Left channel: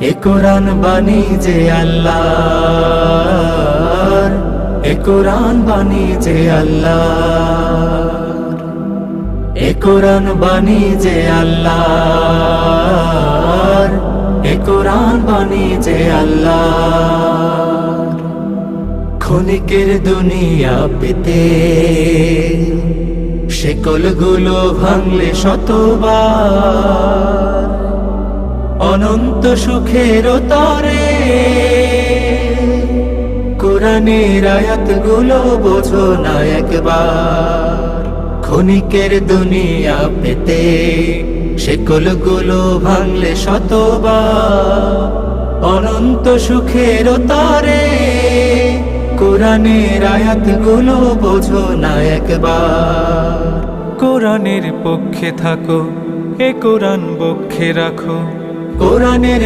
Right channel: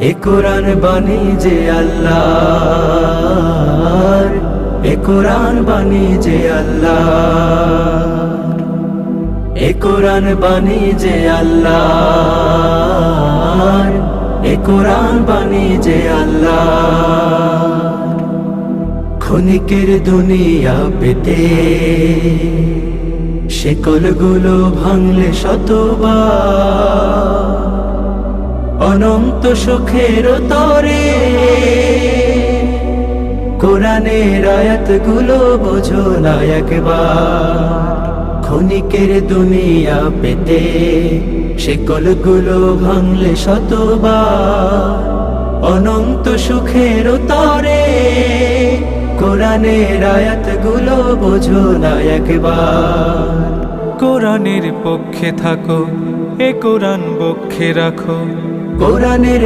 এ কোরআন বাণী যে আল্লাহর, এ কোরআন বাণী যে আল্লাহর, এ কোরআন বাণী যে আল্লাহর, এ কোরআন বাণী যে আল্লাহর। ক্ষণিকের দুনিয়া পেতে শেকলগুলো ভাঙলে শতবার, অনন্ত সুখের তরে কোরআনের আয়াতগুলো বোঝো না একবার। ক্ষণিকের দুনিয়া পেতে শেকলগুলো ভাঙলে শতবার, অনন্ত সুখের তরে কোরআনের আয়াতগুলো বোঝো না একবার। কোরআনের পক্ষে থাকো, এ কোরআন বক্ষে রাখো। কোরআনের